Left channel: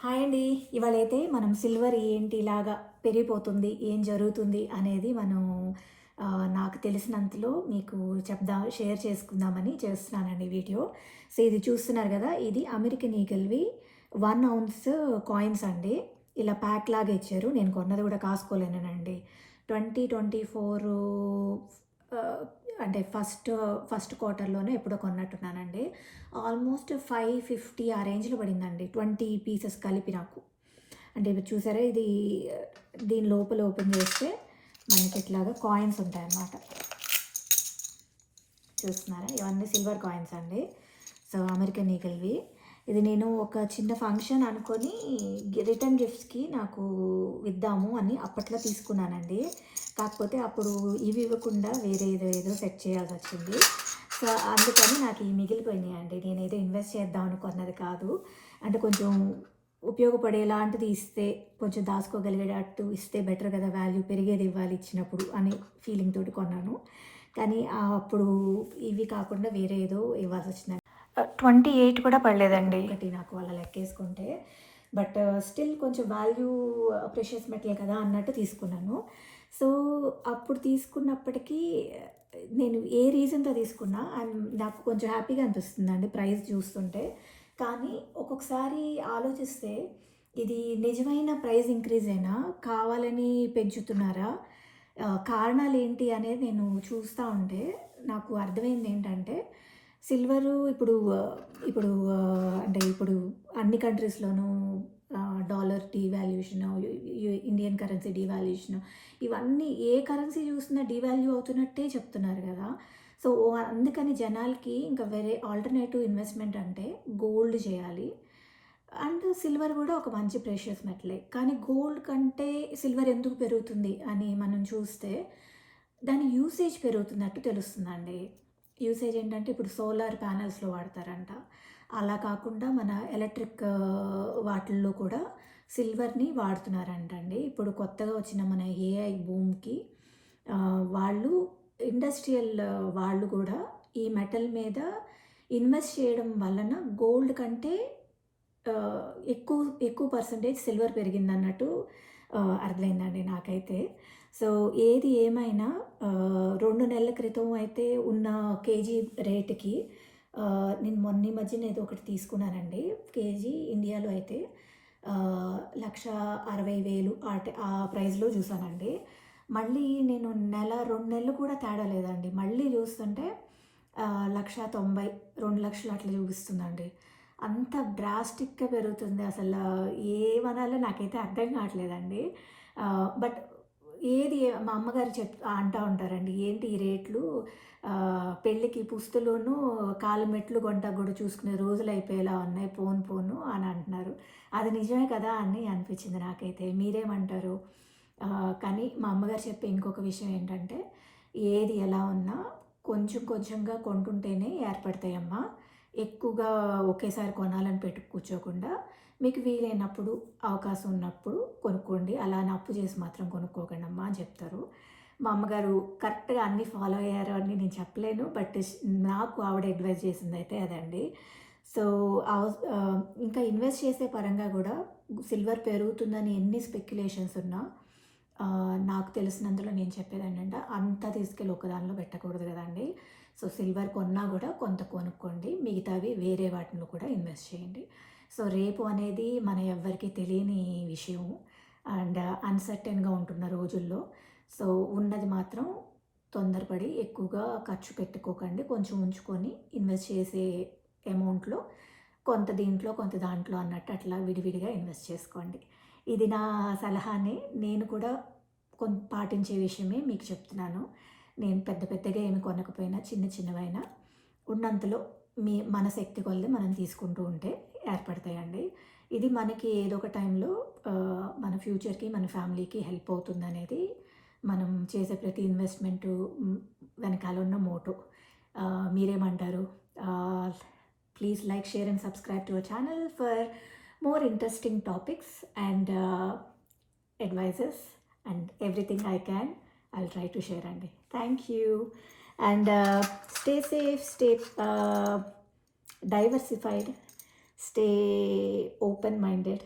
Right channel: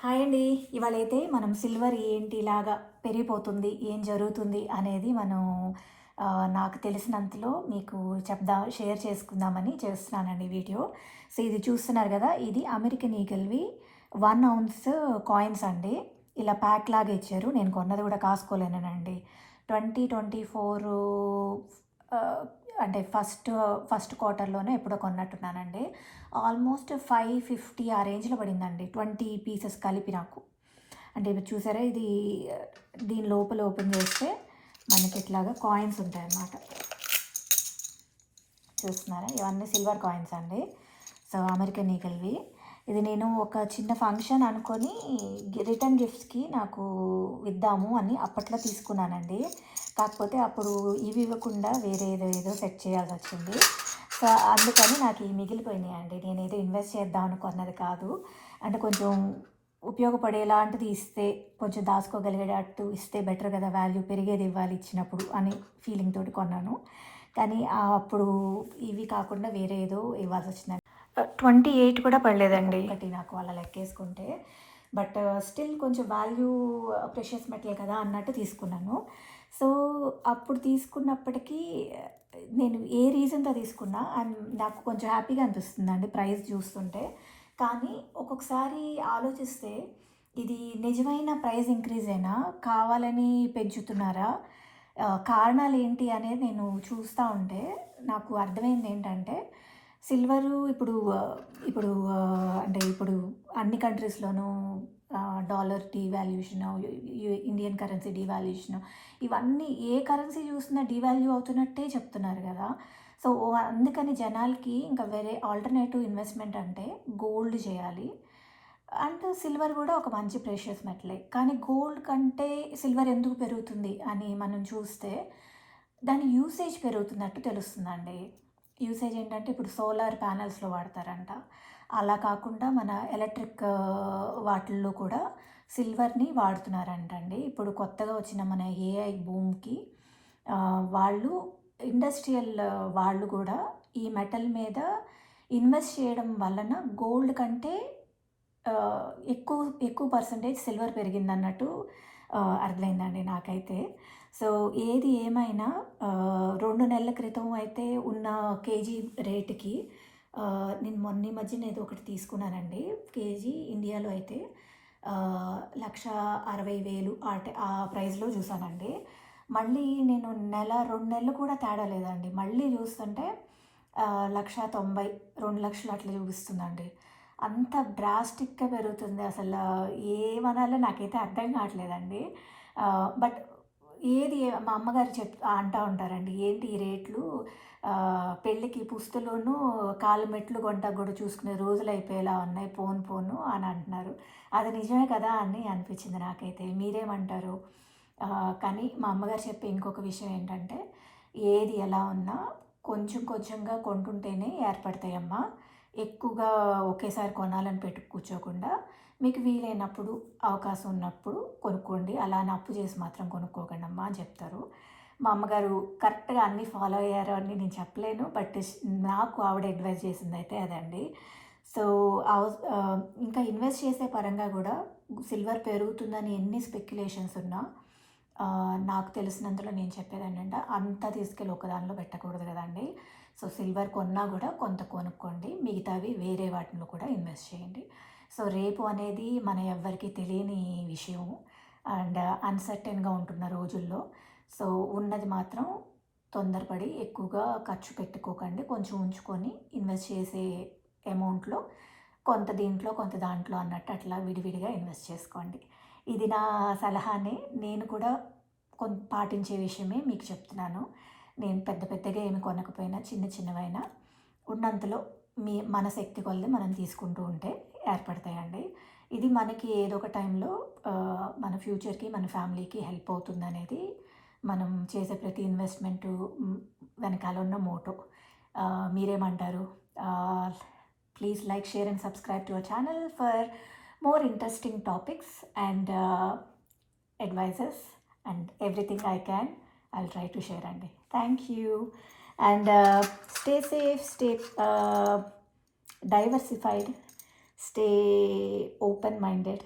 Hi అండి. ఇవాళైతే మనం silver ఏంటి ఇలాగా పెరిగిపోతుంది, ఏం జరుగుతుంది అనేది మనం నాకు తెలిసినంతలో మీకు షేర్ చేసుకుందామని చేస్తున్నానండి వీడియో. సో, ఇది చూస్తున్నారు గదా! ఇది అమెరికన్ ఈగల్‌వి 1 ఔన్స్ కాయిన్స్ అండి. ఇలా ప్యాక్ లాగా ఇచ్చారు. నేను కొన్నది గూడా కాసుకోలేనేనండి. 2024 ఆహ్, అంటే ఫస్ట్ క్వార్టర్‌లోనే ఎప్పుడో కొన్నట్టున్నానండి. ఆల్మోస్ట్ 550 ఆ రేంజ్‌లో పడిందండి. 20 పీసెస్ కలిపి నాకు. అంటే ఇప్పుడు చూసారా ఇది దీని లోపల ఓపెన్ చేస్తే మనకి ఇట్లాగా కాయిన్స్ ఉంటాయన్నమాట. చూస్తున్నారా? ఇవన్నీ సిల్వర్ కాయిన్స్ అండి. సో, అమెరికన్ ఈగల్‌వి. ఇది నేను ఒక చిన్న ఫంక్షన్ అనుకొని రిటర్న్ గిఫ్ట్స్‌కి నాకు ఇద్దాము అని అప్పట్లో తీసుకున్నానండి. కాకపోతే అప్పుడు ఇవి ఇవ్వకుండా వేరే ఏదో సెట్ చేయాల్సొచ్చింది. సో, అందుకని నాకు ఇవి మిగిలిపోయినాయండి. నేనేదో ఇన్వెస్ట్ చేద్దాం అనుకున్నది కాదు. అంటే కొంచెం ఉపయోగపడేలాంటిది ఇస్తే, కొంచెం దాచుకోగలిగేటట్టు ఇస్తే బెటర్ కదా! వాల్యూ పెరిగేది ఇవ్వాలి ఇచ్చినప్పుడు అని ఫీలింగ్ తోటి కొన్నాను. కానీ అప్పుడు ఇవి కాకుండా వేరే ఏదో ఇవ్వాల్సొచ్చిందండి. 28 కూడా పడలేదండి. ఒకటి నాకు అలా లెక్కేసుకుంటే. బట్ స్టిల్ కొంచెం వాల్యూ ప్రెషియస్ మెటల్ కదా అన్నట్టు తీసుకున్నాను. సో, అప్పుడు తీసుకున్నప్పటికీ నేను ఏ రీజన్‌తో తీసుకున్నా నాకు కొంచెం హ్యాపీగా అనిపిస్తుందండి ప్రైస్ చూస్తుంటే. కానీ ఒక్కొక్కసారి ఆలోచిస్తే ఇది నిజమైన ప్రైస్ ఇంక్రీజేనా? కావాలని పెంచుతున్నారా? కారణాలేంటి అనేది నేను చూస్తా ఉంటే నాకు అర్థమైందేంటంటే సిల్వరు ఇప్పుడు అన్ని కంట్రీస్‌లోనూ dollar devaluation, Indian currency devaluation ఇవన్నీ ఏ కరెన్సీ చూసినా డీవాల్యూ అవుతున్నట్టే చెప్తున్నారు గదా! సో, అందుకని జనాలకి ఇంకా వేరే ఆల్టర్‌నేటివ్ ఇన్వెస్ట్‌మెంట్ అంటే గోల్డ్ చేయాలి. అండ్ సిల్వర్ గూడా ఒక మంచి ప్రెషియస్ మెటలే. కానీ గోల్డ్ కంటే సిల్వర్ ఎందుకు పెరుగుతుంది అని మనం చూస్తే దాని యూసేజ్ పెరుగుతున్నట్టు తెలుస్తుందండి. యూసేజ్ ఏంటంటే ఇప్పుడు సోలార్ ప్యానెల్స్‌లో వాడతారంట. అలా కాకుండా మన ఎలక్ట్రిక్ వాటిల్లో కూడా సిల్వర్‌ని వాడుతున్నారంటండి. ఇప్పుడు కొత్తగా వచ్చిన మన ఏఐ బూమ్‌కి వాళ్ళు ఇండస్ట్రియల్ వాళ్ళు కూడా ఈ మెటల్ మీద ఇన్వెస్ట్ చేయడం వలన గోల్డ్ కంటే ఎక్కువ ఎక్కువ పర్సెంటేజ్ సిల్వర్ పెరిగిందన్నట్టు అర్థమైందండి నాకైతే. సో, ఏది ఏమైనా 2 నెలల క్రితం అయితే ఉన్న కేజీ రేట్‌కి నేను ఈ మధ్యన ఏదో ఒకటి తీసుకున్నానండి. కేజీ ఇండియాలో అయితే 1,60,000 ఆ ప్రైస్‌లో చూసానండి. మళ్ళీ నేను 2 నెలలు కూడా తేడా లేదండి. మళ్ళీ చూస్తుంటే 1,90,000 2,00,000 అట్లా చూపిస్తుందండి. అంత డ్రాస్టిక్‌గా పెరుగుతుంది. ఏమనాలో నాకైతే అర్థం కావట్లేదండి. బట్ మా అమ్మగారు అంటా ఉంటారండి. "ఏంటి ఈ రేట్లు పెళ్ళికి పుస్తలోను కాళ్ళు మెట్లు కొంటాకి కూడా చూసుకునే రోజులు అయిపోయేలా ఉన్నాయి పోను పోను" అని అంటున్నారు. అది నిజమే కదా అని అనిపించింది నాకైతే. మీరేమంటారు? కానీ మా అమ్మగారు చెప్పే ఇంకొక విషయం ఏంటంటే, "ఏది ఎలా ఉన్నా కొంచెం కొంచెంగా కొంటుంటేనే ఏర్పడతాయమ్మా. ఎక్కువగా ఒకేసారి కొనాలని పెట్టి కూర్చోకుండా, మీకు వీలైనప్పుడు, అవకాశం ఉన్నప్పుడు కొనుక్కోండి. అలా అని అప్పు చేసి మాత్రం కొనుక్కోకండమ్మా" అని చెప్తారు. మా అమ్మగారు కరెక్ట్‌గా అన్నీ ఫాలో అయ్యారు అని నేను చెప్పలేను. బట్ నాకు ఆవిడ అడ్వైస్ చేసిందైతే అదండి. సో, ఇంకా ఇన్వెస్ట్ చేసే పరంగా గూడా సిల్వర్ పెరుగుతుందని ఎన్ని స్పెక్యులేషన్స్ ఉన్నా నాకు తెలిసినంతలో నేను చెప్పేదేంటంటే, అంతా తీసుకెళ్ళి ఒక దానిలో పెట్టకూడదు గదండీ! సో, సిల్వర్ కొన్నా గూడా కొంత కొనుక్కోండి. మిగతావి వేరే వాటిలో కూడా ఇన్వెస్ట్ చేయండి. సో, రేపు అనేది మన ఎవ్వరికీ తెలియని విషయం. అండ్ అన్‌సర్టెన్‌గా ఉంటున్న రోజుల్లో. సో, ఉన్నది మాత్రం తొందరపడి ఎక్కువగా ఖర్చు పెట్టుకోకండి. కొంచెం ఉంచుకొని ఇన్వెస్ట్ చేసే అమౌంట్‌లో కొంత దీంట్లో, కొంత దాంట్లో అన్నట్టు అట్లా విడివిడిగా ఇన్వెస్ట్ చేసుకోండి. ఇది నా సలహానే. నేను కూడా పాటించే విషయమే మీకు చెప్తున్నాను. నేను పెద్ద పెద్దగా ఏమి కొనకపోయినా చిన్న చిన్నవైనా ఉన్నంతలో మన శక్తి కొలది మనం తీసుకుంటూ ఉంటే ఏర్పడతాయండి. ఇది మనకి ఏదో ఒక టైంలో మన ఫ్యూచర్‌కి, మన ఫ్యామిలీకి హెల్ప్ అవుతుందనేది మనం చేసే ప్రతి ఇన్వెస్ట్‌మెంటు వెనకాల ఉన్న మోటో. మీరేమంటారు? Please like, share and subscribe to our channel for more interesting topics and advices and everything I can, I'll try to share. And thank you. And stay safe, stay diversified, stay open minded.